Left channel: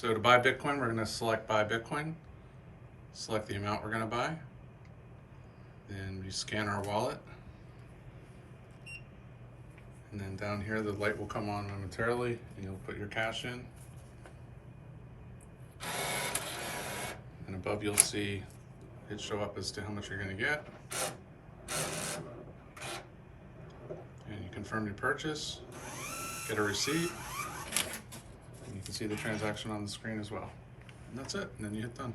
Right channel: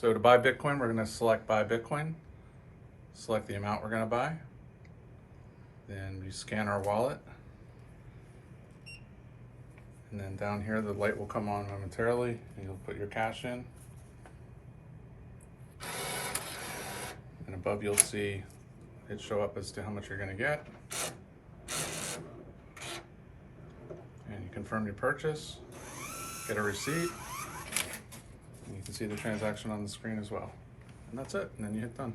So to buy Bitcoin, we're going to select buy Bitcoin, select the amount we're going to buy, then we scan our wallet, and then down here the light will come on momentarily and you'll put your cash in, and above you'll see it show up as to how much you're going to get, and you confirm your purchase, get a receipt, and you can see the transaction on the screen as well. And that's it, and then you hit done.